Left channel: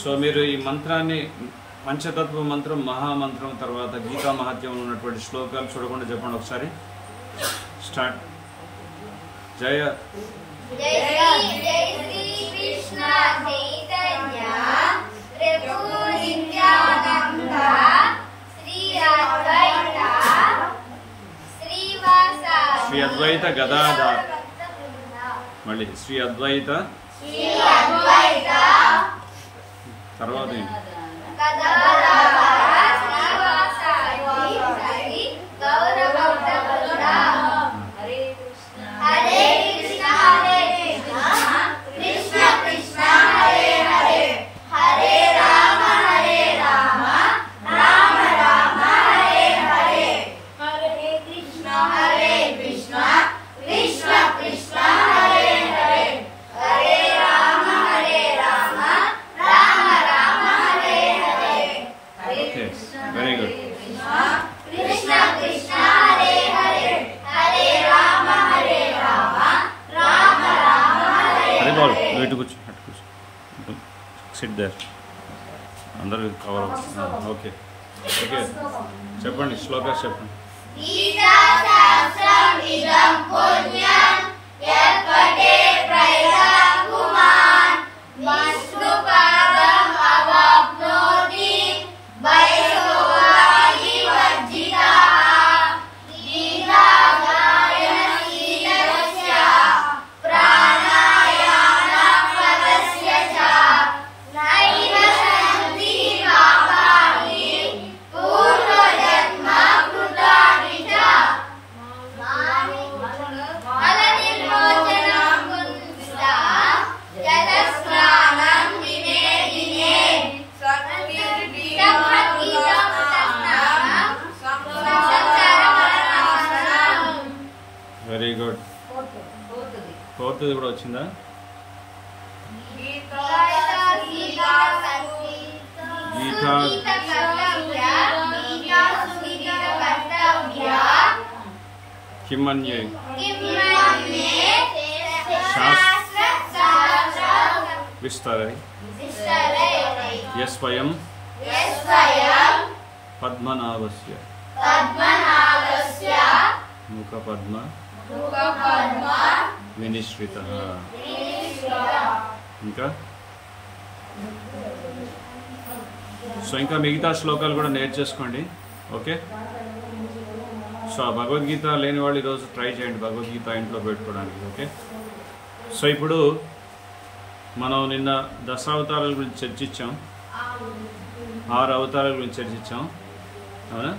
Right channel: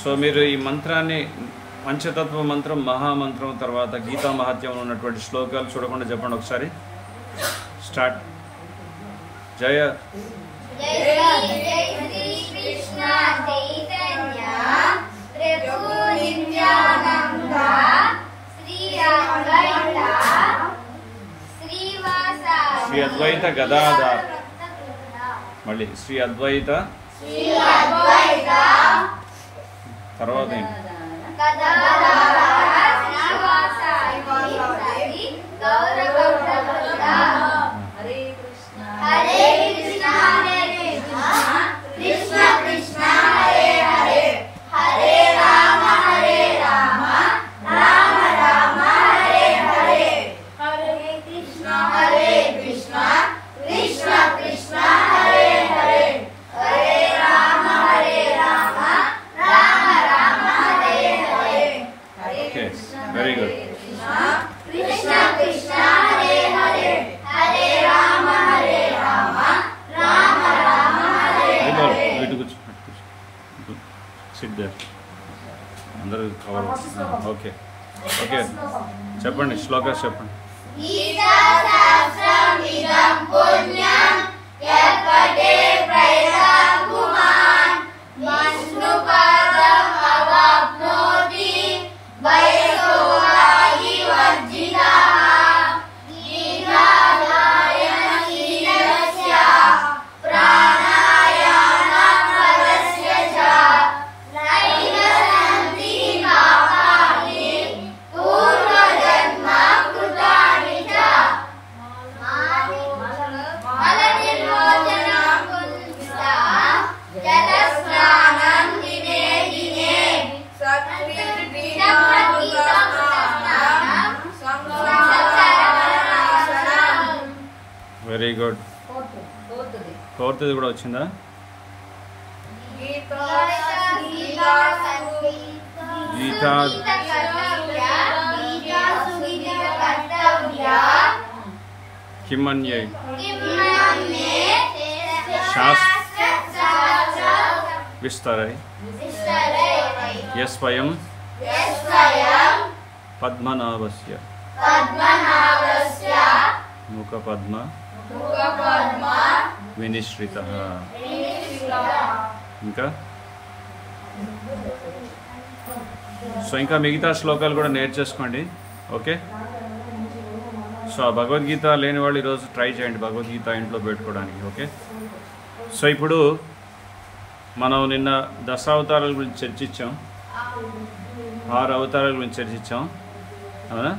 So మీరు ఈ మంత్రాన్ని పంచతత్వ మంత్రం, మహామంత్రం, తర్వాత గీతా మహత్యంలో ఉన్నటువంటి శ్లోకాలు చూడకుండా చెప్పండి ఒకసారి. స్టార్ట్. జయ శ్రీ అద్వైత గదాధార్. మళ్ళీ శ్రీ అద్వైత తర్వాత ఏంటి? Very good. ఇటు కూర్చో, అటు కూర్చో, సిట్ దేర్. అందరూ కవర్. ఓకే ఓకే, చెప్పండి శ్లోకాస్ చెప్పండి. Very good. ఫోర్త్ది కూడా వచ్చిందా? గీతా కిమన్యే శాస్త్ర విస్తరై యస్వయం పద్మనాభస్య ముఖ పద్మ వినిశ్రిత. ఇంకా సో ఇంకా మిగతా శ్లోకాలు కూడా నేర్చేసుకోండి. ఓకే. సో ఆ భగవద్గీత లేని వాళ్ళు ఈరోజు ట్రై చేయండి భగవద్గీత ఇంట్లో పెట్టుకోవడానికి. ఓకే. సో ఇప్పుడు మనం నిన్న దశావతారాల గురించి చర్చించాం, 6 అవతారాల గురించి చర్చించాం. అవునా?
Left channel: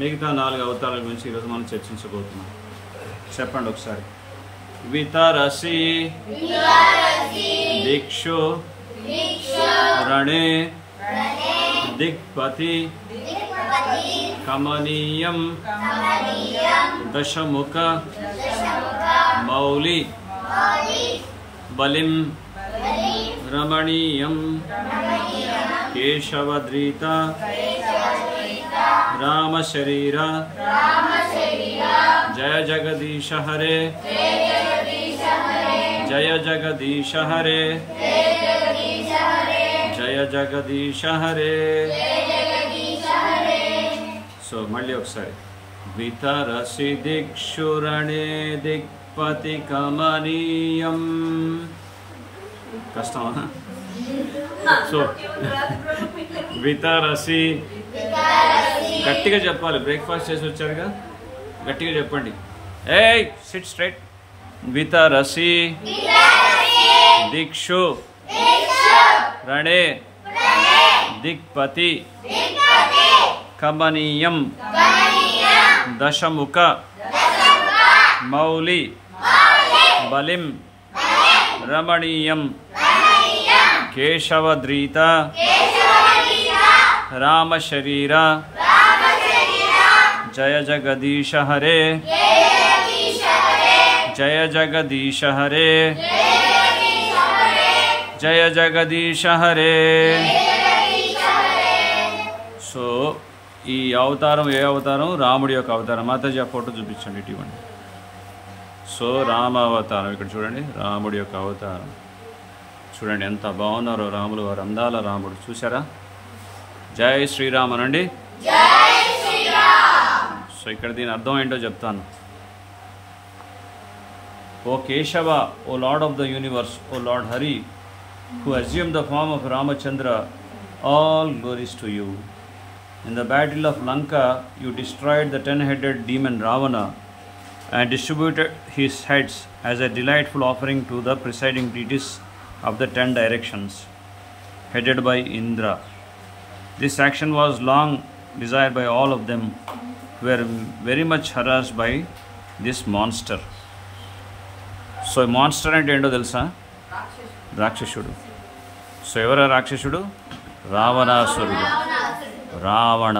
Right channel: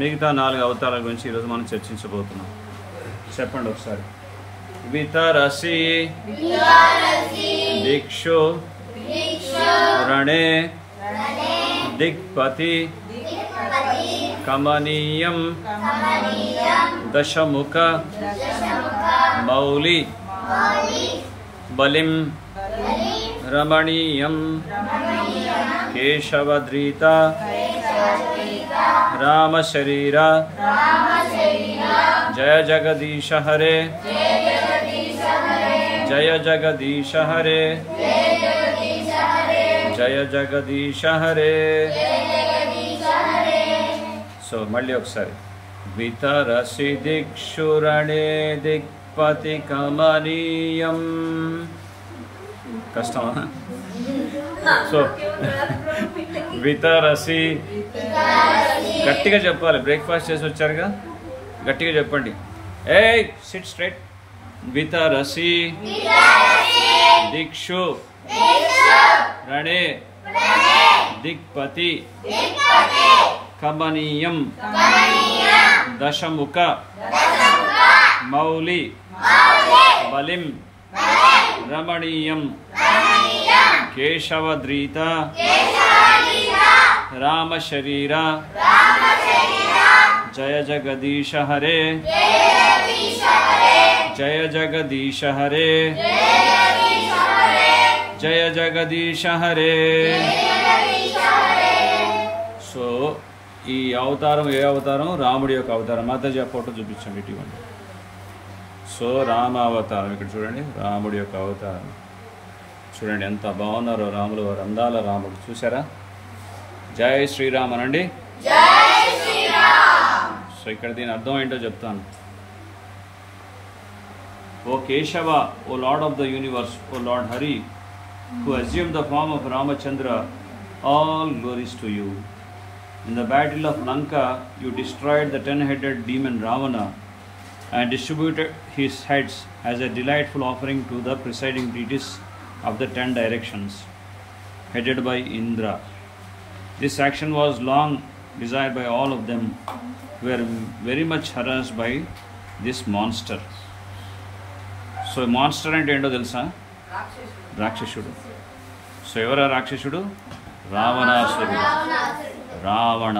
మిగతా 4 అవతారాల గురించి ఈరోజు మనం చర్చించబోతున్నాం. చెప్పండి ఒకసారి. వితరసి దిక్షు రణే దిక్పతి కమనీయం దశముఖ మౌలి బలిం రమణీయం కేశవద్రీత రామశరీర జయ జగదీశ హరే జయ జగదీశ హరే జయ జగదీశ హరే. సో మళ్ళీ ఒకసారి. వితరసి దిక్షురణే దిక్పతి కమనీయం. కష్టమా? సో వితరసి గట్టిగా చెప్పాలి. బ్రేక్ఫాస్ట్ చేసి వచ్చారుగా, గట్టిగా చెప్పండి. ఏయ్ సిట్ స్ట్రైట్. వితరసి దిక్షు రణే దిక్పతి కమనీయం దశముఖ మౌలి బలిం రమణీయం కేశవద్రీత రామశరీర జయ జగదీశ హరే జయ జగదీశ హరే జయ జగదీశ హరే. సో ఈ అవతారం ఏ అవతారం? రాముడి యొక్క అవతారం. మాతాజీ ఆ ఫోటో చూపించండి, ఇటువంటి. సో రామ అవతారం ఇక్కడ చూడండి, రాముడి యొక్క అవతారం చూడండి ఎంత బాగున్నారో రాములు వారు, అందాల రాముడు. చూసారా? జై శ్రీరామ్ అనండి. సో ఇక్కడ దీని అర్థం ఏంటో చెప్తాను. O Keshava, O lord of the universe, O lord Hari, who assumed the form of Ramachandra, all glories to you. In the battle of Lanka, you destroyed the 10-headed demon Ravana and distributed his heads as a delightful offering to the presiding deities of the 10 directions, headed by Indra. This action was long desired by all of them, who were very much harassed by this monster. So, monster అంటే ఏంటో తెలుసా? రాక్షసుడు. So ఎవరా రాక్షసుడు? రావణాసురుడు, Ravana.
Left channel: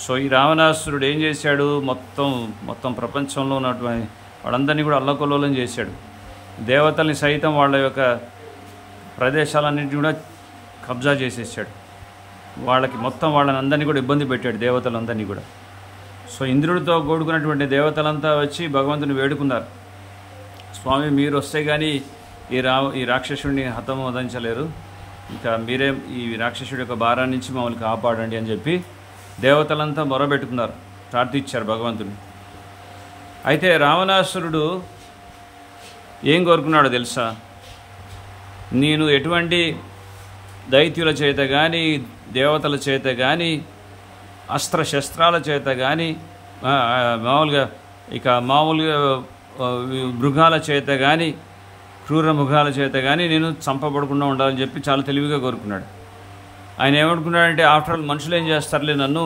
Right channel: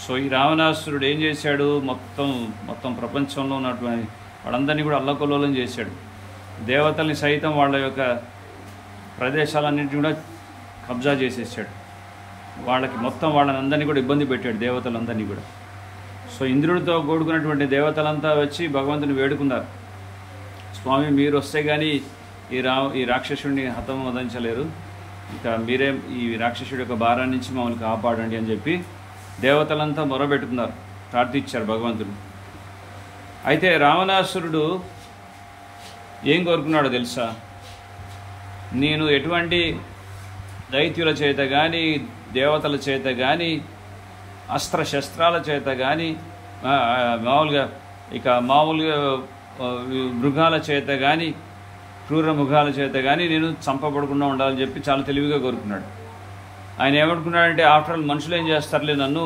So ఈ రావణాసురుడు ఏం చేశాడు? మొత్తం ప్రపంచంలో ఉన్నటువంటి వాళ్ళందరినీ కూడా అల్లకల్లోలం చేశాడు. దేవతల్ని సైతం వాళ్ళ యొక్క ప్రదేశాలన్నింటినీ కూడా కబ్జా చేసేసాడు. వాళ్ళని అందరినీ కూడా ఇబ్బంది పెట్టాడు, దేవతలందరినీ కూడా. సో ఇంద్రుడితో కూడుకున్నటువంటి దేవతలంతా వచ్చి భగవంతుని వేడుకున్నారు, స్వామి మీరు వస్తే కానీ ఈ రాక్షసుడిని హతమోదించలేరు, ఇక మీరే ఈ రాక్షసుడి యొక్క భారం నుంచి మమ్మల్ని కాపాడండి అని చెప్పి దేవతలంతా మొరబెట్టుకున్నారు, ప్రార్థించారు భగవంతుని. అయితే రావణాసురుడు ఏం కోరుకున్నాడో తెలుసా? నేను ఎటువంటి దైత్యుల చేత కానీ, దేవతల చేత కానీ, అస్త్రశస్త్రాల చేత కానీ, మామూలుగా మృగాల చేత కానీ, క్రూర మృగాల చేత కానీ నేను చంపబడకుండా ఉండాలని చెప్పి చాలా తెలివిగా కోరుకున్నాడు. ఆయన ఏమనుకున్నాడంటే, ఆఫ్టర్ ఆల్ మనుషులు ఏం చేస్తారులే నన్ను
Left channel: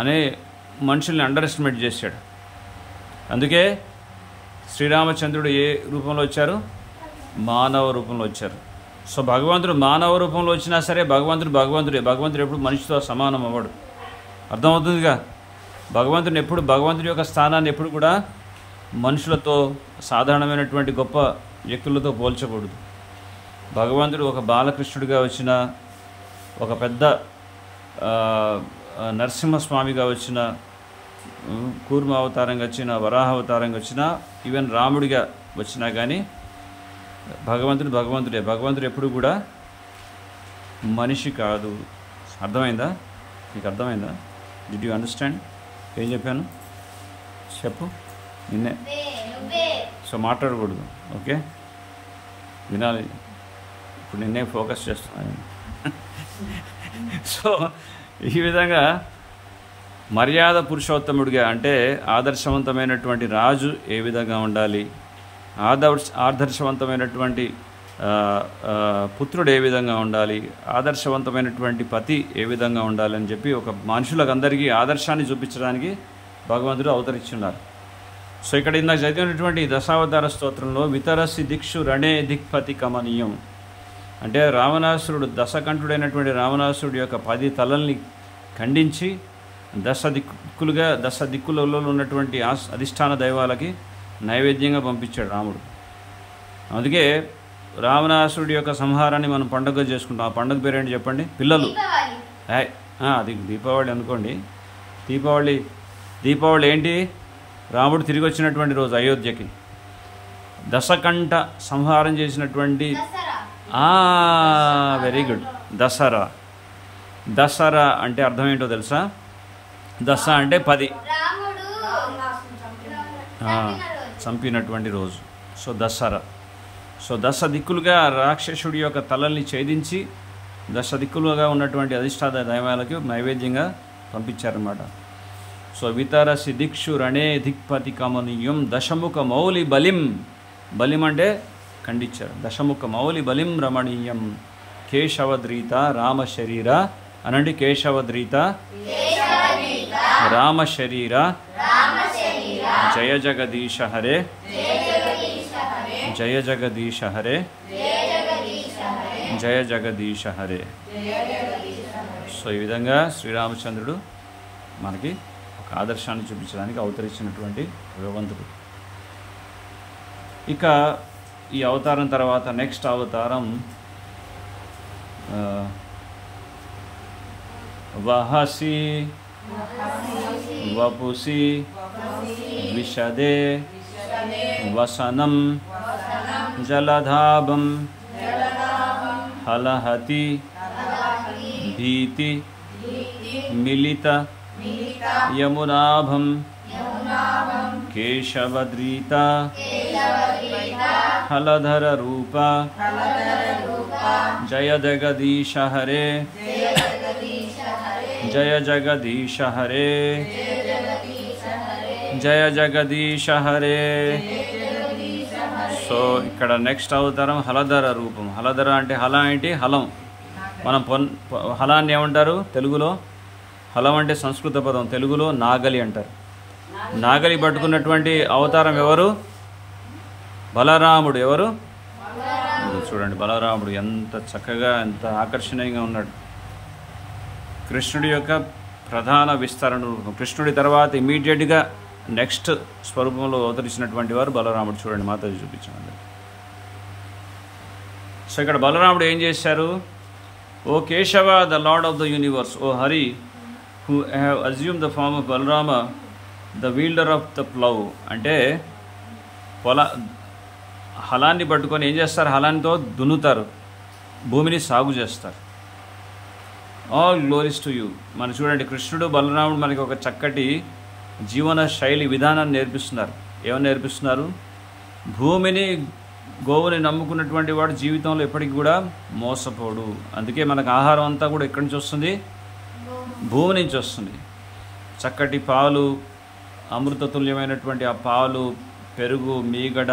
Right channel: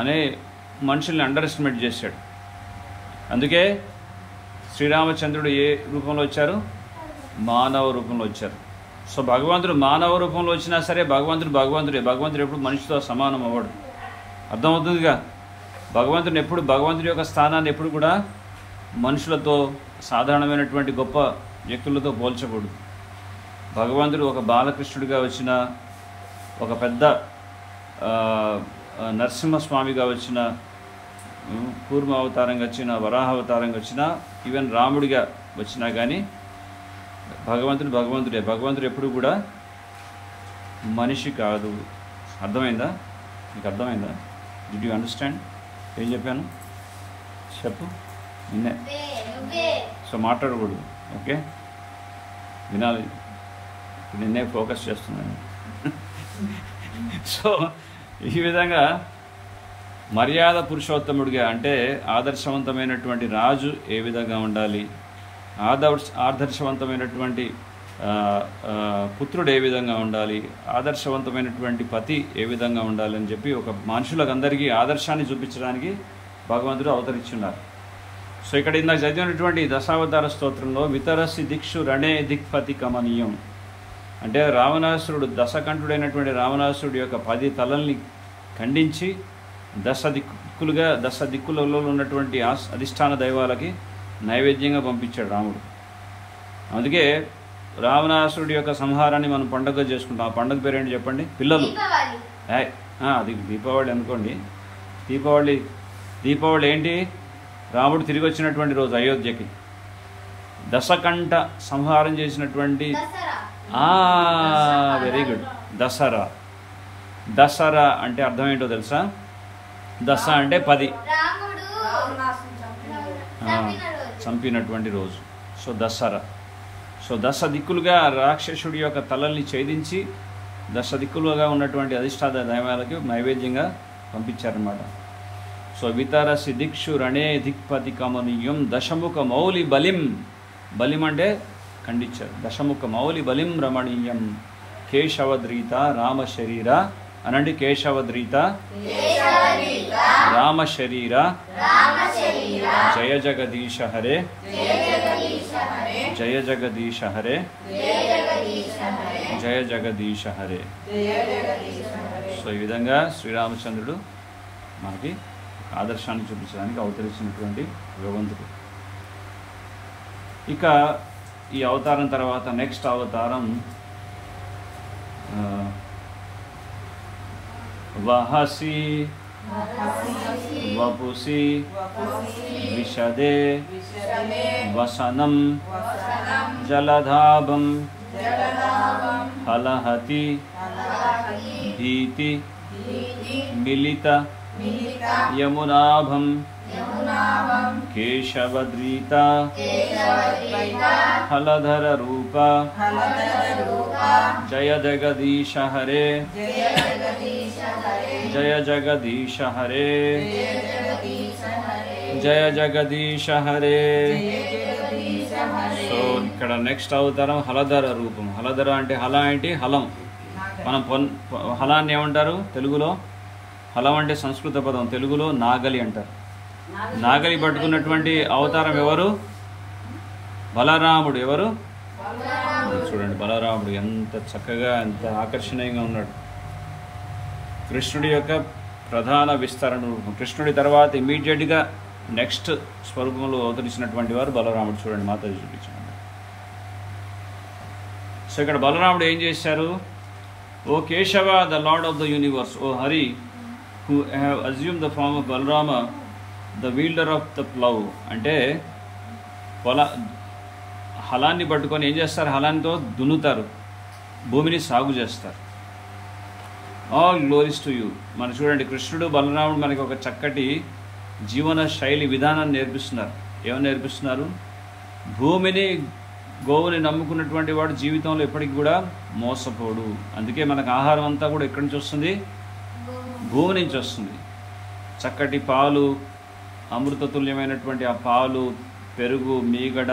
అనే మనుషుల్ని అండర్ ఎస్టిమేట్ చేశాడు. అందుకే శ్రీరామచంద్రుడు ఏ రూపంలో వచ్చారు? మానవ రూపంలో వచ్చారు. సో భగవంతుడు మానవ రూపంలో వచ్చినా సరే భగవంతుడే. భగవంతుడు ఎప్పుడు మనిషితో సమానం అవ్వడు. అర్థమవుతుందిగా? భగవంతుడి యొక్క స్థానాన్ని ఎప్పుడు కూడా మనుషులతో, సాధారణమైనటువంటి గొప్ప వ్యక్తులతో పోల్చకూడదు. భగవంతుడు ఒక బాలకృష్ణుడిగా వచ్చిన, ఒక పెద్ద నరసింహస్వామిగా వచ్చిన, కూర్మ అవతారంగా వచ్చిన, వరాహ అవతారంగా వచ్చిన, ఈవెన్ రాముడిగా వచ్చినా కానీ భగవంతుడే. భగవంతుడు ఎప్పుడు కూడా మనిషి కాదు. అర్థమైందా? నీకు అర్థమైందా? Did you understand? ఏం చెప్పాను చెప్పు. నిన్నే సో మాట్లాడకూడదు, ఓకే? వినాలి. ఇప్పుడు నిన్నే ఫోకస్ చేస్తున్నాను. సో ఈ విధంగా మర్యాద పురుషోత్తముడిగా, అంటే ఆదర్శవంతమైనటువంటి రాజు ఏ విధంగా ఉండాలి, ఆదర్శవంతమైనటువంటి పుత్రుడు ఏ విధంగా ఉండాలి, ఆదర్శవంతమైనటువంటి పతి ఏ విధంగా ఉండాలి అని చెప్పి ఒక మనుషులకందరికీ ఆదర్శాన్ని చూపించడానికి భగవంతుడు అవతరించున్నారు. సో ఇక్కడ ఇందాక చదివినటువంటి దశావతార స్తోత్రంలో వితరసి దిక్షు రణే దిక్పతి కమనీయం అంటే రావణాసురుడు, దశకంఠుడైనటువంటి రావణాసురుడు యొక్క 10 తలల్ని ఖండించి దశ దిక్కులలో ఉన్నటువంటి అధిష్టాన దైవాలకి నైవేద్యంగా పంపించాడు రాముడు. అందుకే రావణాసురుడి యొక్క సంహారాన్ని మనం పండుగగా చేసుకుంటాం. ఆ పండుగ పేరేంటి చెప్పండి పిల్లలు? అది దీపావళి అనుకోండి. దీపావళి ఏంటి? రాముడు తిరిగి వచ్చినటువంటి రోజు అయోధ్యకి. దశకంఠ సంహారం చేసినటువంటి వెరీ గుడ్. దసరా అంటే అర్థం ఏంటో తెలుసా? దశ అంటే 10, చంపినటువంటి రోజు. సో దసరా. సో దశ దిక్కులుగా రాక్షసుడి యొక్క తలల్ని ఛేదించి దశ దిక్కులుగా ఉన్నటువంటి అధిష్టాన దైవాలకు నైవేద్యంగా పంపించారన్నమాట. సో వితరసి దిక్షు రణే దిక్పతి కమనీయం దశముఖ మౌలి బలిం అంటే ఖండించారు. దశముఖ మౌలి బలిం రమణీయం కేశవద్రీత రామ శరీర అనండి. కేశవద్రీత రామ శరీర జయ జగదీశ హరే, జయ జగదీశ హరే, జయ జగదీశ హరే. సో ఈ విధంగా శ్రీరామచంద్రుడు మనకి ఒక ఆదర్శాన్ని చూపించడానికి అవతరించినటువంటి భగవంతుడు. ఇక ఈ అవతారం తర్వాత నెక్స్ట్ అవతారం వహసి వపుసి విశదే వసనం జలధాభం हलहति भीति मिलित यमुनाभं केशवद्रीता हलधर रूप जय जगदीश हरे जय जगदीश हरे जय जगदीश हरे. సో ఇక్కడ నెక్స్ట్ అవతారం హలధర రూపం. హలధర అంటే హల ఏంటి? హలం. మనం హలాన్ని ఏమంటారు తెలుగులో? హలం అంటే సంస్కృత పదం, తెలుగులో నాగలి అంటారు. నాగలి పట్టుకున్నటువంటి అవతారం ఎవరు? బలరాముడు. ఎవరు? చూడండి బలరాముడు ఎంత చక్కగా ఎంత ఆకర్షణీయంగా ఉన్నాడు. కృష్ణుడి యొక్క ప్రధాన విస్తరణ. కృష్ణుడి తర్వాత ఇమీడియట్గా నెక్స్ట్ స్వరూపంలో అవతరించినటువంటి వారు బలరాముడు. చూడండి మాతాజీ చూపించాను. సో ఇక్కడ బలరాముడు ఏం చేశారు? O Keshava the lord of the universe, O Hari who have assume the form of Balarama the wielder of the plough. అంటే హలాన్ని పట్టుకొని ఏం చేస్తారు? హలాన్నితో దున్నుతారు, భూమిని సాగు చేస్తారు. All glories to you. మనం చూడండి కృష్ణుడు బలరాముడు మనకి ఒక చక్కటి జీవన శైలి విధానాన్ని నేర్పిస్తున్నారు. ఏమని నేర్పిస్తున్నారు? భూమిని గోవుని నమ్ముకున్నటువంటి వాడు జీవితంలో ఎప్పటికి కూడా మోసపోడు. అందుకే మనకు ఆహారం అంతా కూడా ఎక్కడి నుంచి వస్తుంది? భూమి నుంచి వస్తుంది. చక్కటి పాలు, అమృతతుల్యమైనటువంటి ఆ పాలు, పెరుగు, మీగడ,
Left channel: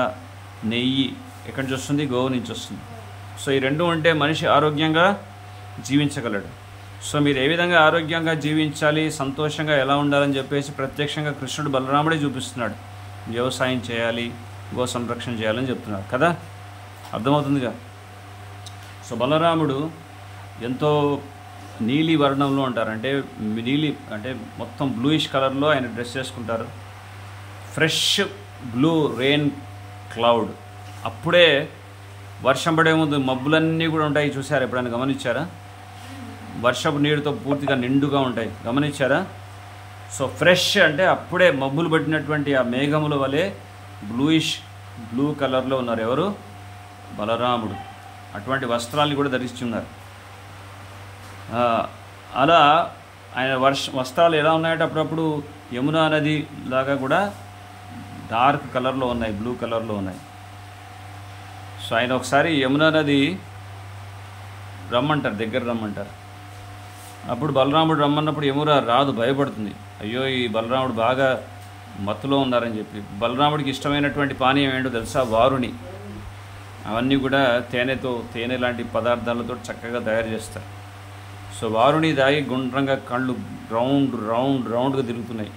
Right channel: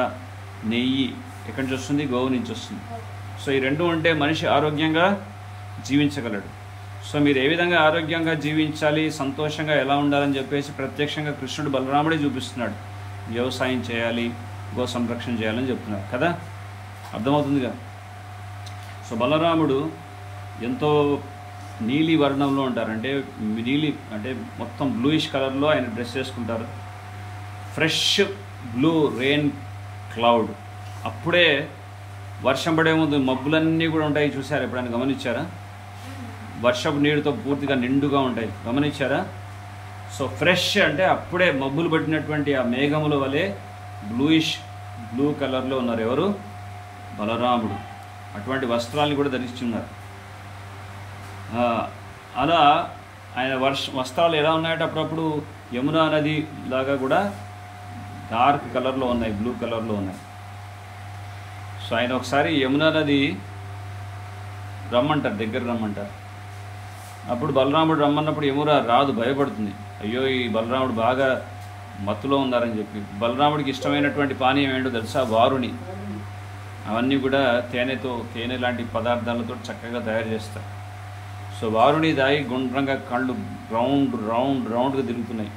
నెయ్యి ఎక్కడి నుంచి వస్తుంది? గోవు నుంచి వస్తుంది. సో ఈ రెండు ఉంటే మనిషి ఆరోగ్యంగా జీవించగలడు. సో మీరు ఏ విధంగా ఆరోగ్యంగా జీవించాలి, సంతోషంగా ఎలా ఉండాలని చెప్పేసి ప్రత్యక్షంగా కృష్ణుడు బలరాముడే చూపిస్తున్నాడు. వ్యవసాయం చేయాలి, గో సంరక్షణ చేయాలని చెప్తున్నాడు కదా. అర్థమవుతుందిగా. సో బలరాముడు ఎంతో నీలి వర్ణంలో ఉంటారు. అంటే నీలి అంటే మొత్తం బ్లూయిష్ కలర్లో ఆయన డ్రెస్ చేసుకుంటారు. Fresh blue rain cloud. అప్పుడే వర్షం పడే ముందు మబ్బులన్నీ కూడా ఉంటాయి. చూసారు ఎప్పుడైనా? గమనించారా? వర్షపు నీరుతో పూర్తిగా నిండుగా ఉంటాయి. గమనించారా? సో ఫ్రెష్ అంటే అప్పుడే మబ్బులు పట్టినటువంటి ఆ మేఘముల వలె బ్లూయిష్ బ్లూ కలర్లో ఉన్నారు. ఎవరు? బలరాముడు. అటువంటి వస్త్రాలను కూడా ధరిస్తున్నారు. అలా ఆయన వస్త్రాలు ఎలా ఉన్నాయంటే అప్పుడప్పుడు యమునా నది లాగా కూడా డార్క్ కలర్లో ఉన్నాయి, బ్లూ కలర్లో ఉన్నాయి. సో ఆయన ఒకసారి యమునా నది రమ్మంటారు, దగ్గర రమ్మంటారు. అప్పుడు బలరాముడు రమ్మన్నప్పుడు యమున రాదు, భయపడుతుంది. అయ్యో ఈ బలరాముడు బాగా మత్తులో ఉన్నారని చెప్పి. బలరాముడికి ఇష్టమైనటువంటి పానీయం ఏంటో తెలుసా? వారుని. అవన్నీ కూడా తేనె లాంటి పదార్థాలతో చక్కగా తయారు చేస్తారు. సో వారుని దాగి గుండ్రంగా కళ్ళు రౌండ్గా తిరుగుతున్నాయి.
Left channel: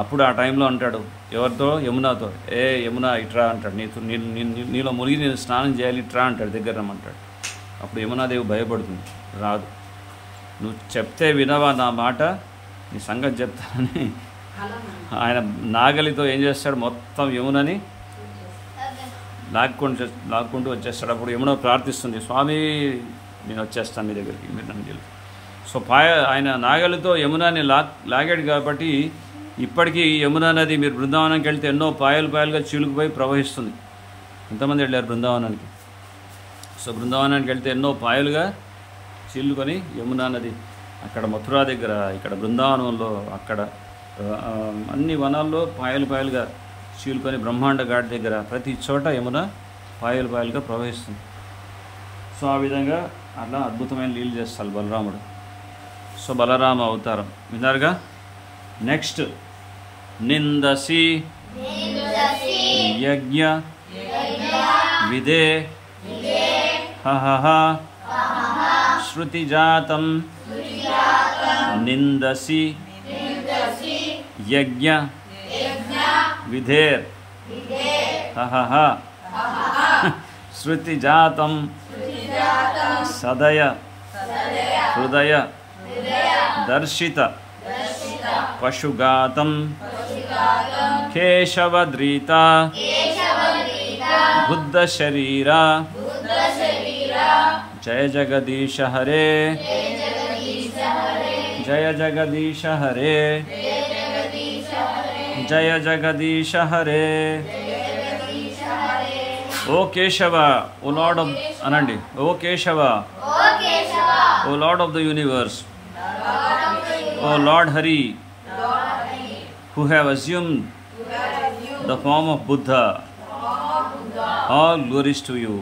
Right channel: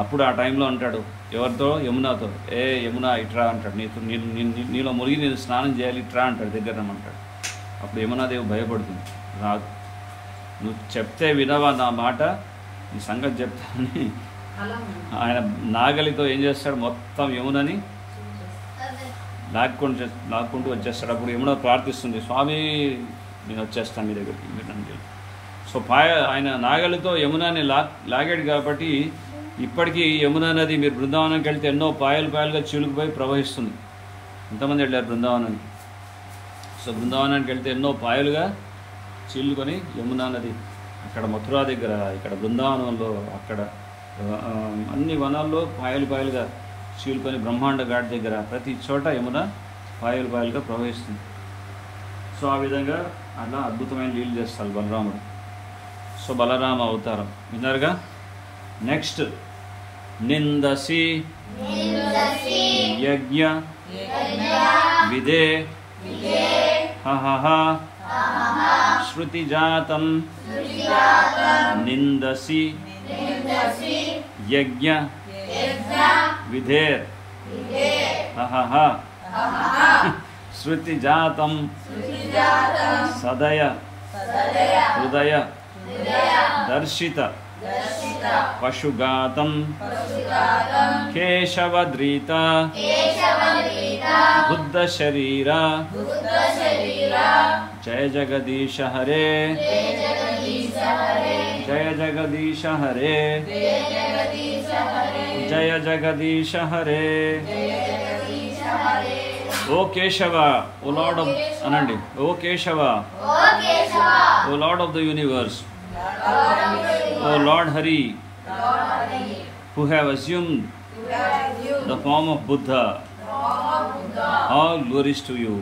అప్పుడు ఆ టైంలో అంటాడు ఎవరితో? యమునాతో. ఏ యమునా ఇట్రా అంటాడు. నీలో మునిగి నేను స్నానం చేయాలి, ఇట్రా అంటాడు, దగ్గర రమ్మంటాడు. అప్పుడు యమునాదేవి భయపడుతుంది, రాదు. నువ్వు చెప్తే వినవా నా మాట, నీ సంగతి చెప్తానని ఆయన నాగలితో ఏం చేస్తాడు? మొత్తం యమునని లాక్కుంటూ వచ్చేస్తాడు. అప్పుడు యమున ప్రార్థిస్తుంది, స్వామి నేను వచ్చేస్తాను మీ దగ్గరికి, మీరు నన్ను తెలియదు. సో ఆయన నాగలితో యమునాని లాగాడు కాబట్టి ఇప్పటికీ యమునా నది మీరు బృందావనానికి వెళ్తే ఎన్నో పాయలుగా చీలుకుపోయి ప్రవహిస్తుంది. ఎంతమంది వెళ్ళారు బృందావనానికి? సో బృందావనానికి వెళ్తే ఎన్నో పాయలుగా చీలుకొని యమునా నది అక్కడ మథురా దగ్గర, ఇక్కడ బృందావనంలో, అక్కడ అన్ని వనాల్లో పాయలుగా చీలుకొని బ్రహ్మాండ ఘాట్ దగ్గర ప్రతి చోట యమున పాయలుగా ప్రవహిస్తుంది. సో ఆ విధంగా అట్లా అద్భుతమైన లీలు చేస్తారు బలరాముడు. సో బలరామ అవతారం విన్నారుగా. నెక్స్ట్ నిందసి యజ్ఞ విదే హహ శృతిజాతం నిందసి యజ్ఞ విధేర్ హహ శృతిజాతం సదయ హృదయ దర్శిత పశుగాతం కేశవద్రీత బుద్ధ శరీర జయ జగదీశ హరే జయ జగదీశ హరే జయ Jagadisha Hare. O Keshava, O lord of అనండి, O Keshava, O lord of the universe, O lord Hari, who have assumed the form of Buddha, all glories to you.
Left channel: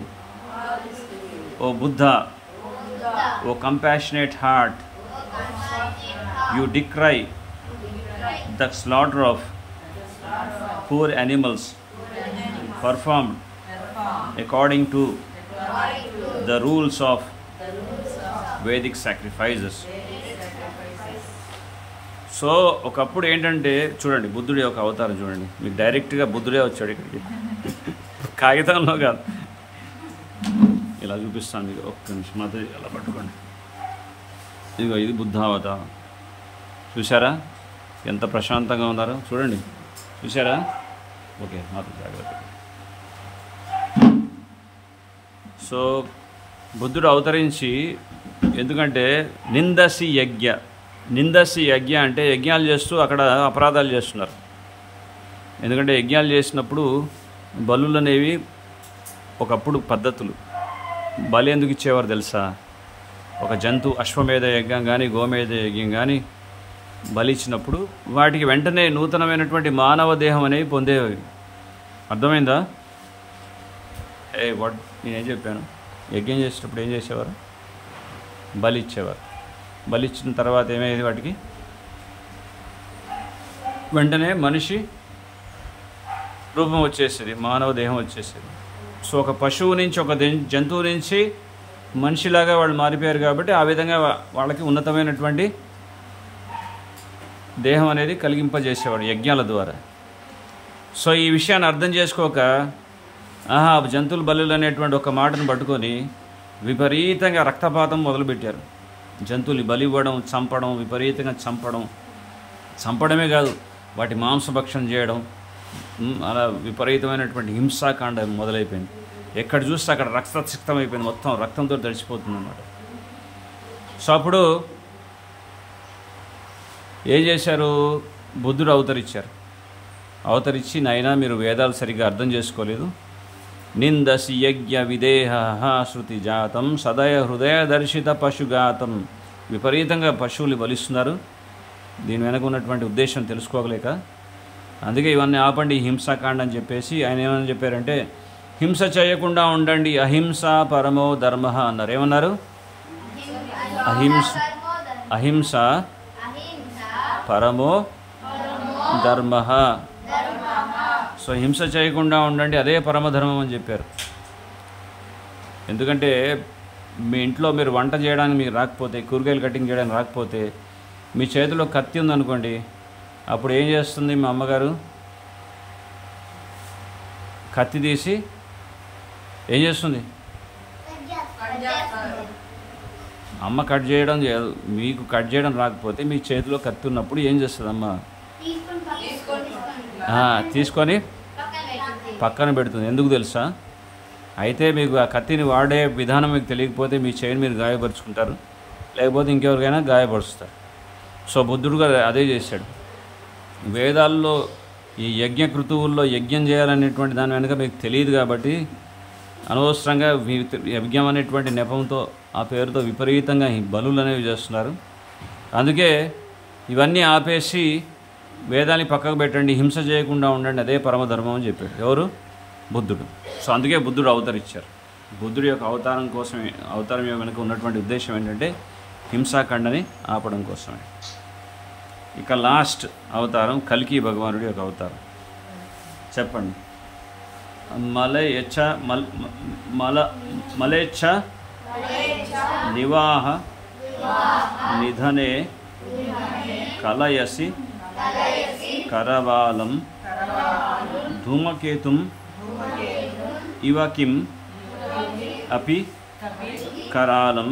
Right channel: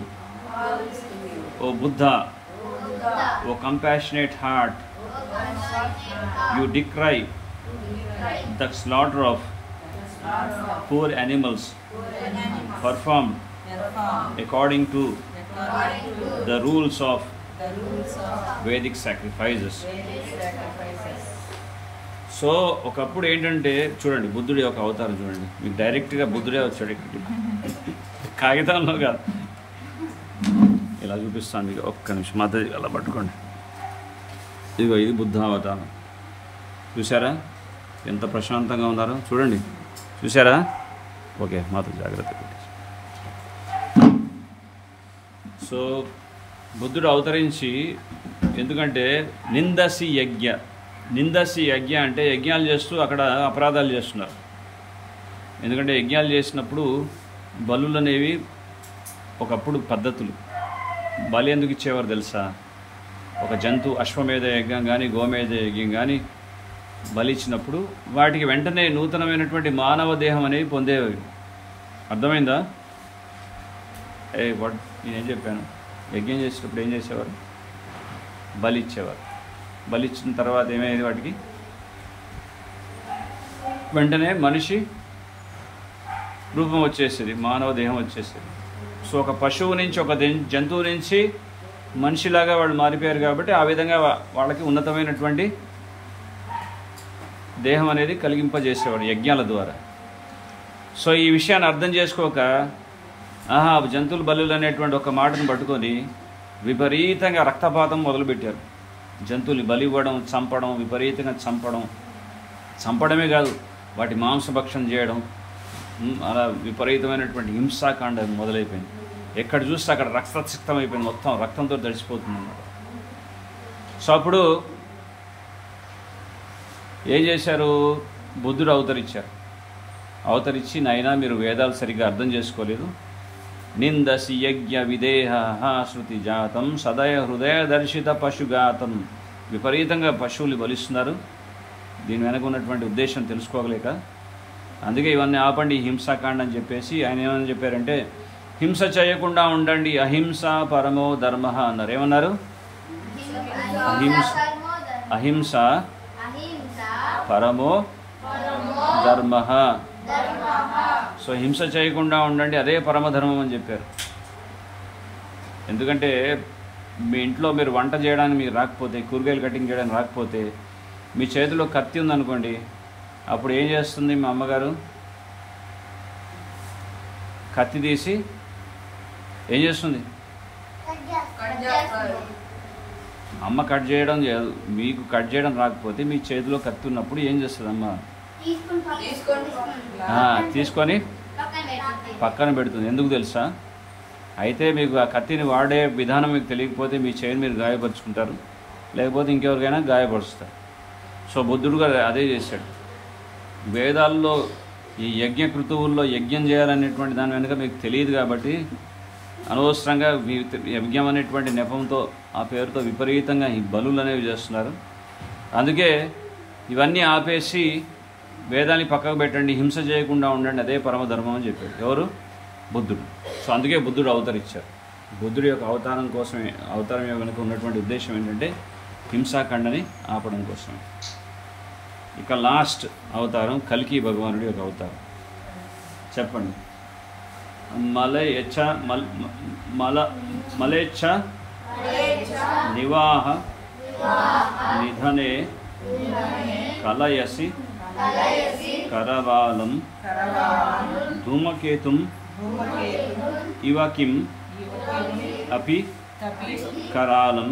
O Buddha, O compassionate heart, you decry the slaughter of poor animals performed according to the rules of Vedic sacrifices. So ఒకప్పుడు ఏంటంటే చూడండి, బుద్ధుడి యొక్క అవతారం చూడండి, మీకు డైరెక్ట్గా బుద్ధుడే వచ్చాడు ఇక్కడికి, కాగితంలో కాదు. ఇలా చూపిస్తాను మీకు, ఒక్క నిమిషం మాత్రం అలా పట్టుకోండి. ఇదిగో ఇది బుద్ధ అవతారం. చూసారా ఎంత ప్రశాంతంగా ఉన్నారో చూడండి, చూసారా? ఓకే మాత్రం జాగ్రత్త. సో బుద్ధుడు అవతరించి, ఎందుకంటే నిందసి యజ్ఞ, నిందసి యజ్ఞ అంటే యజ్ఞాలు చేస్తూ అక్కడ అపరాధాలు చేస్తున్నారు. ఎందుకంటే యజ్ఞాలు చేసినప్పుడు బలులు అనేవి ఒకప్పుడు పద్ధతులు. బలి ఎందుకు ఇచ్చేవారు తెలుసా? ఒక జంతు అశ్వమేధ యజ్ఞం కానీ గోమేధ యజ్ఞం కానీ బలి ఇచ్చినప్పుడు వాటికి వెంటనే నూతనమైనటువంటి మానవ దేహం అనేవి పొందేవి. అర్థమైందా? వాట్ నేనేం చెప్పాను? యజ్ఞం చేసేటప్పుడు ఏం చేసేవారు? బలి ఇచ్చేవారు. బలి ఇచ్చిన తర్వాత ఏమయ్యేది? వాటికి వెంటనే మనిషి రూపం వచ్చేసేది, మానవ దేహం వచ్చేసేది. సో ఒక పశువు నుంచి, ఒక జంతువు నుంచి మనిషిలాగా వాళ్ళు మారిపోయారు కాబట్టి ఆ విధంగా వాళ్ళకి ఉన్నతమైనటువంటి దేహం అనేది కలిగింపజేసేవాడు యజ్ఞాల ద్వారా. సో ఈ విషయాన్ని అర్థం చేసుకోక జంతువుల బలులు అనేటువంటి ఒక మాటను పట్టుకొని విపరీతంగా రక్తపాతం మొదలుపెట్టారు. జంతువులు బలి ఇవ్వడం, చంపడం, విపరీతంగా చంపడమే కాదు వాటి మాంసభక్షణ చేయడం, అలా విపరీతమైనటువంటి హింసాకాండ మొదలైపోయింది. ఎక్కడ చూస్తే అక్కడ రక్తసిక్తం అయిపోయింది, మొత్తం రక్తంతో తడిసిపోతుంది అన్నమాట. సో అప్పుడు ఏం చేశారు? బుద్ధుడు అవతరించారు. అవతరించి, నాయనా మీరు వేదాలు సరిగ్గా అర్థం చేసుకోలేదు, నిందసి యజ్ఞ విదేహ శృతి జాతం సదయ హృదయ దర్శిత పశుఘాతం. విపరీతంగా పశువులు బలిస్తున్నారు, దీని వెనక ఉన్నటువంటి ఉద్దేశం తెలుసుకోగలేక. అందుకే ఇవన్నీ ఆపండి, హింసాకాండ అని చెప్పేసి ఆయన ఏమని చెప్పారంటే, హింస చేయకుండా ఉండండి, అహింస పరమో ధర్మ అన్నారు. ఏమన్నారు? అహింస పరమో ధర్మ. సో హింస చేయకుండా ఉండండి, అదే పరమధర్మం అని చెప్పారు. ఎందుకంటే మీ ఇంట్లో మీరు వంట చేయడానికి మీకు రాకపోతే, కూరగాయలు కటింగ్ చేయడానికి రాకపోతే, మీ చేతిలో కత్తి ఉందనుకోండి, అప్పుడు ఏం చేస్తుంది మా అమ్మగారు? కత్తి తీసి ఏం చేస్తుంది? అమ్మ కట్ చేయడం, మీకు కట్ చేయడం రాకపోతే మీ చేతిలో కత్తి ఉన్నప్పుడు ఏం చేస్తుంది అమ్మ? తీసుకొని పక్కన పెడుతుంది. ఎందుకు తెలుసా? అయితే మీకు ఆ కత్తిని వాడే విధానం మీకు తెలియకపోతే మీ చేయిని మీరు గాయపరుచుకుంటారు, లేకపోతే ఇంకెవరికైనా గాయపరుస్తారు. సో బుద్ధుడు గారు అదే చేశాడు. వేదాల్లో ఈ యజ్ఞ కృతువుల్లో యజ్ఞం చేయాలనేటువంటి దాని వెనుక మీకు తెలియదు కాబట్టి అనవసరంగా యజ్ఞం అనేటువంటి నెపంతో, ఆ పేరుతో విపరీతంగా ఈ బలులు అనేవి చేస్తున్నారు. అందుకే ఇవన్నీ ఆపేసి వేదాన్ని పక్కకు పెట్టండి, హింస చేయకుండా ఉండండి, అదే పరమధర్మం అని చెప్పారు. ఎవరు? బుద్ధుడు. సో అందుకే బుద్ధుడు అవతరించారు. బుద్ధుడి యొక్క అవతారం వెనుక ఉన్నటువంటి ఉద్దేశం ఏంటంటే హింసాఖండని ఆపడం కోసమే. ఇక లాస్ట్ అవతారం కల్కి భగవానుడి యొక్క అవతారం. చెప్పండి. మలేచ్ఛ నివాహ నిధనే కలయసి కరవాలం ధూమకేతుం ఇవ కిం అపి करालं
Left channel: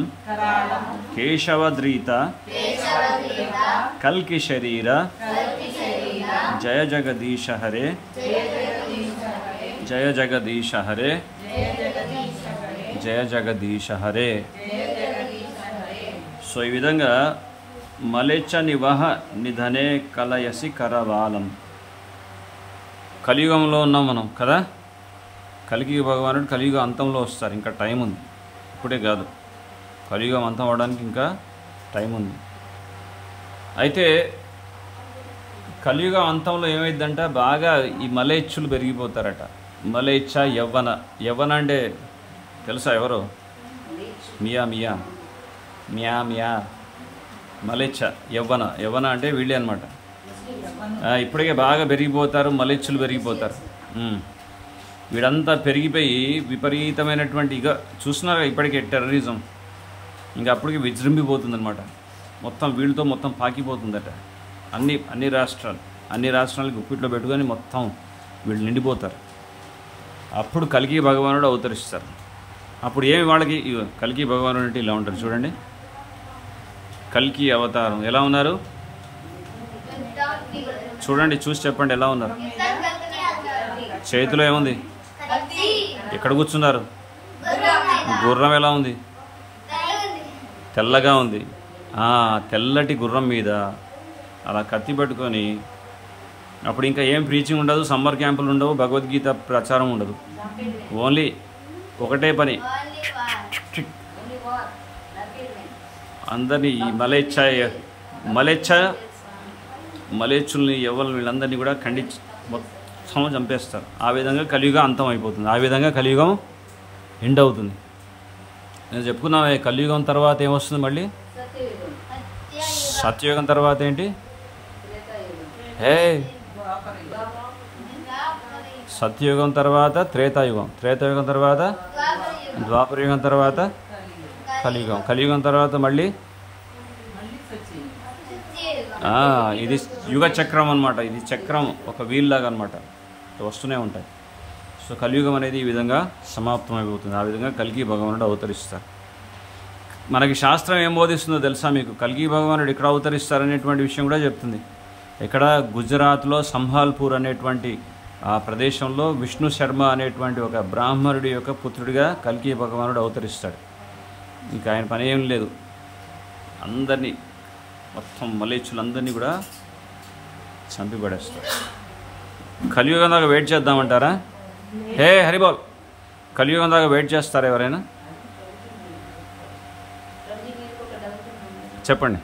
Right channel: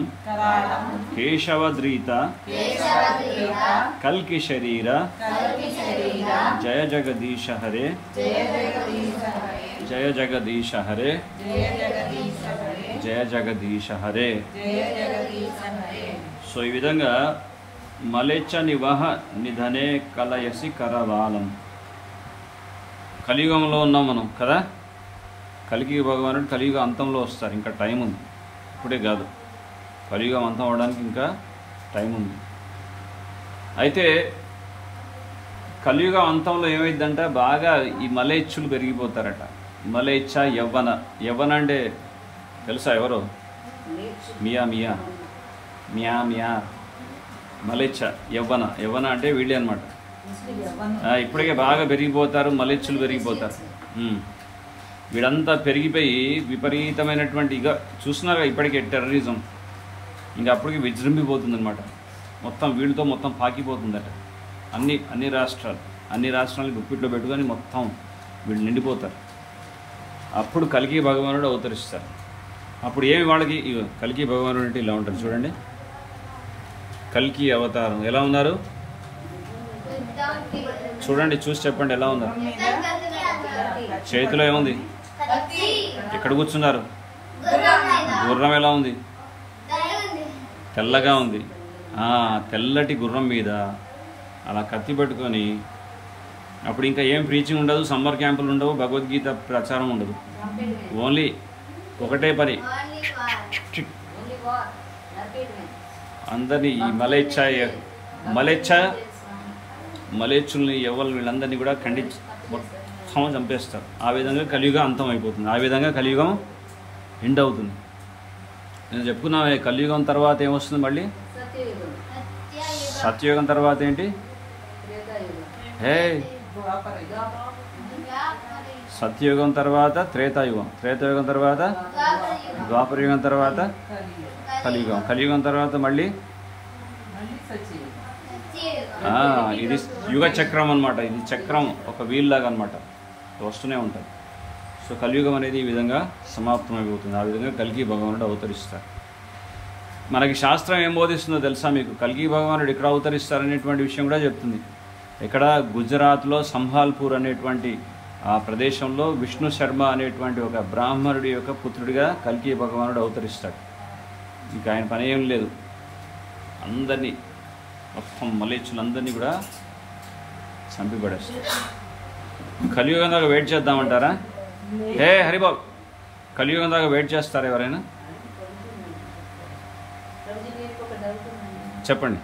केशवद्रीता कल्कि शरीर जय जगदीश हरे जय जगदीश हरे जय जगदीश हरे. సో ఈ విధంగా మలేచ్చ నివహ నిధనే కలయసి కరవాలం. కలియుగంలో ఉన్నాం మనం కదా. కలియుగ భగవానుడు కలియుగ అంతంలో వస్తారు, ఇంకా టైం ఉంది, ఇప్పుడే కాదు, కలియుగం అంతం అవడానికి ఇంకా టైం ఉంది. అయితే కలియుగ అంతంలో ఏమైందంట, బాగా ఈ మలేచ్చులు పెరిగిపోతారట. మలేచ్ఛ యవ్వన. యవ్వన అంటే తెలుసా ఎవరో? మియా మియా మియా మియా మలేచ్ఛ యవ్వన. యవ్వన అంటే వీళ్ళే అనమాట. ఇప్పటికే బాగా పెరిగిపోతారు, మలేచ్చులు పెరిగిపోతారు. వీడంతా పెరిగిపోయి విపరీతమైనటువంటి ఇక చూస్తున్నారుగా ఇప్పటికే టెర్రరిజం, ఇంకా అప్పటికి విజృంభిపోతుంది అనమాట. మొత్తం వీళ్ళతో మొత్తం పాకిపోతుందట. అన్ని రాష్ట్రాలకు గుప్పిట్లో పెట్టుకొని మొత్తం వీళ్ళు నిండిపోతారు. అప్పుడు కల్కి భగవానుడు అవతరిస్తారు. అప్పుడు ఏమి వాళ్ళకి కల్కి భగవానుడు అంటే ఇలా ఉంటారు చూడండి. కల్కి అవతారం ఎలా ఉన్నారు చూడండి, చూసి చెప్పండి ఎలా ఉన్నారు. చేతిలో ఏముంది? ఎక్కడ కూర్చున్నారు? గుర్రం ఎలా ఉంది? తెల్లగా ఉంది. తెల్లటి గుర్రం మీద అలా కత్తి పెట్టుకొని, అప్పుడు ఇంకా ఏం ప్రీచింగ్ ఉండదు, సమ్మర్ క్యాంపులు ఉండవు, భగవద్గీత ప్రచారం ఉండదు. ఓన్లీ ఒకటే పని, అందరినీ ఈ మలేచ్చుల్ని ఎవరు వీళ్ళందరినీ కూడా ఖండించి మొత్తం చంపేస్తారు. ఆ విధంగా కలియుగం అంతం అయిపోతుంది. ఆ విధంగా కలియుగం ఎండ్ అవుతుంది. నేను చెప్పుకున్నా, కలియుగం తర్వాత ఏమొస్తుంది మళ్ళీ? సత్యయుగం తర్వాత ఏంటి? సత్యయుగం తర్వాత త్రేతాయుగం, త్రేతాయుగం తర్వాత ద్వాపరయుగం, తర్వాత కలియుగం, కలియుగం తర్వాత మళ్ళీ ఇది యుగ చక్రం అనమాట. ఇది చక్రం ఒక వీల్ లాగా అనమాట, వస్తూనే ఉంటాయి. సో కలియుగం అనేది ఈ విధంగా సమాప్తమైపోతుంది. ఆ విధంగా కల్కి భగవానుడు అవతరిస్తారు. మనకి శాస్త్రం ఏం బోధిస్తుందో తెలుసా మీకు? కల్కి భగవానుడు ఎక్కడ అవతరిస్తారనేటువంటి విషయం కూడా చెప్తుంది. ఇక్కడ గుజరాత్లో సంభాల్పూర్ అనేటువంటి ఆ ప్రదేశంలో విష్ణు శర్మ అనేటువంటి ఒక బ్రాహ్మణుడి యొక్క పుత్రుడిగా కల్కి భగవానుడు అవతరిస్తాడు. ఇంకా ఆయన పని ఏం లేదు, అందరినీ మొత్తం మలేచ్చులందరినీ కూడా చంపిపడేస్తాడు. కలియుగం దాకా వెయిట్ చేద్దామంటారా? హరిబాల్, కలియుగం దాకా వెయిట్ చేస్తారా ఎవరైనా? చెప్పండి.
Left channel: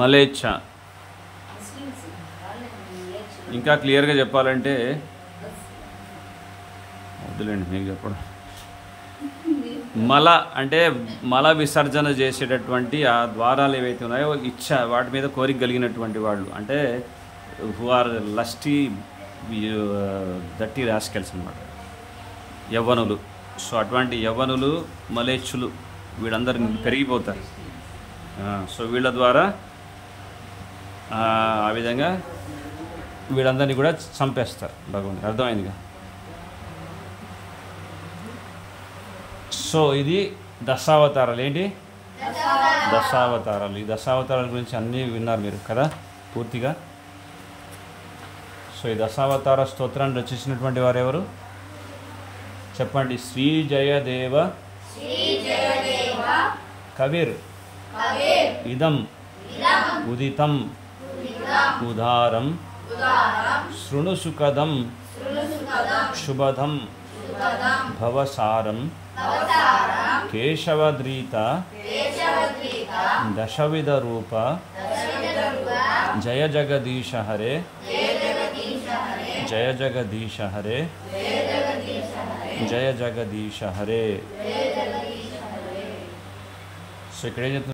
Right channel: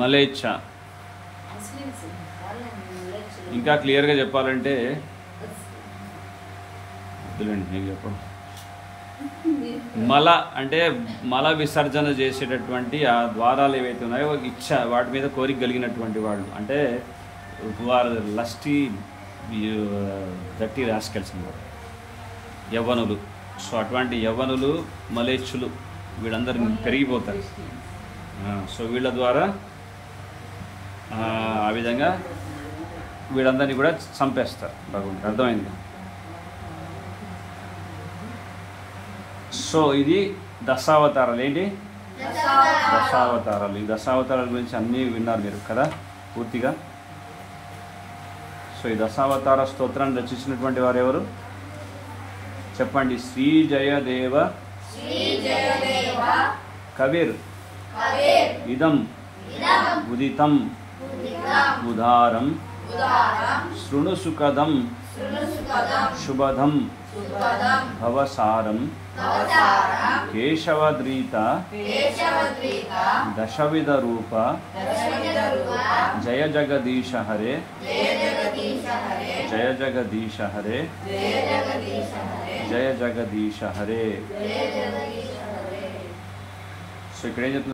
మలేచ్ఛ ఇంకా క్లియర్గా చెప్పాలంటే వద్దులేండి మీకు చెప్పడం. మల అంటే మల విసర్జన చేసేటటువంటి ఆ ద్వారాలు ఏవైతే ఉన్నాయో వాటి మీద కోరిక కలిగినటువంటి వాళ్ళు, అంటే వారు లస్టీ దట్టి రాస్కెల్స్ అన్నమాట, యవ్వనులు. సో అటువంటి యవ్వనులు మలేచ్చులు వీళ్ళందరూ పెరిగిపోతారు. సో వీళ్ళ ద్వారా ఆ విధంగా వీళ్ళందరినీ కూడా చంపేస్తారు భగవంతుడు. అర్థమైందిగా? సో ఇది దశావతారాలు. ఏంటి దశావతారాలు? ఈ దశావతారాల గురించి అన్నీ విన్నారు మీరు కదా పూర్తిగా. సో ఈ దశావతార స్తోత్రాన్ని రచించినటువంటి వారు ఎవరు చెప్పండి? శ్రీ జయదేవ కవిర్ ఇదం ఉదితం ఉదారం శృణుసుఖదం శుభదం భవసారం కేశవద్రీత దశవిధ రూప జయ జగదీశ హరే జయ జగదీశ హరే జయ జగదీశ హరే. సో ఇక్కడ ఏం చెప్తుంది?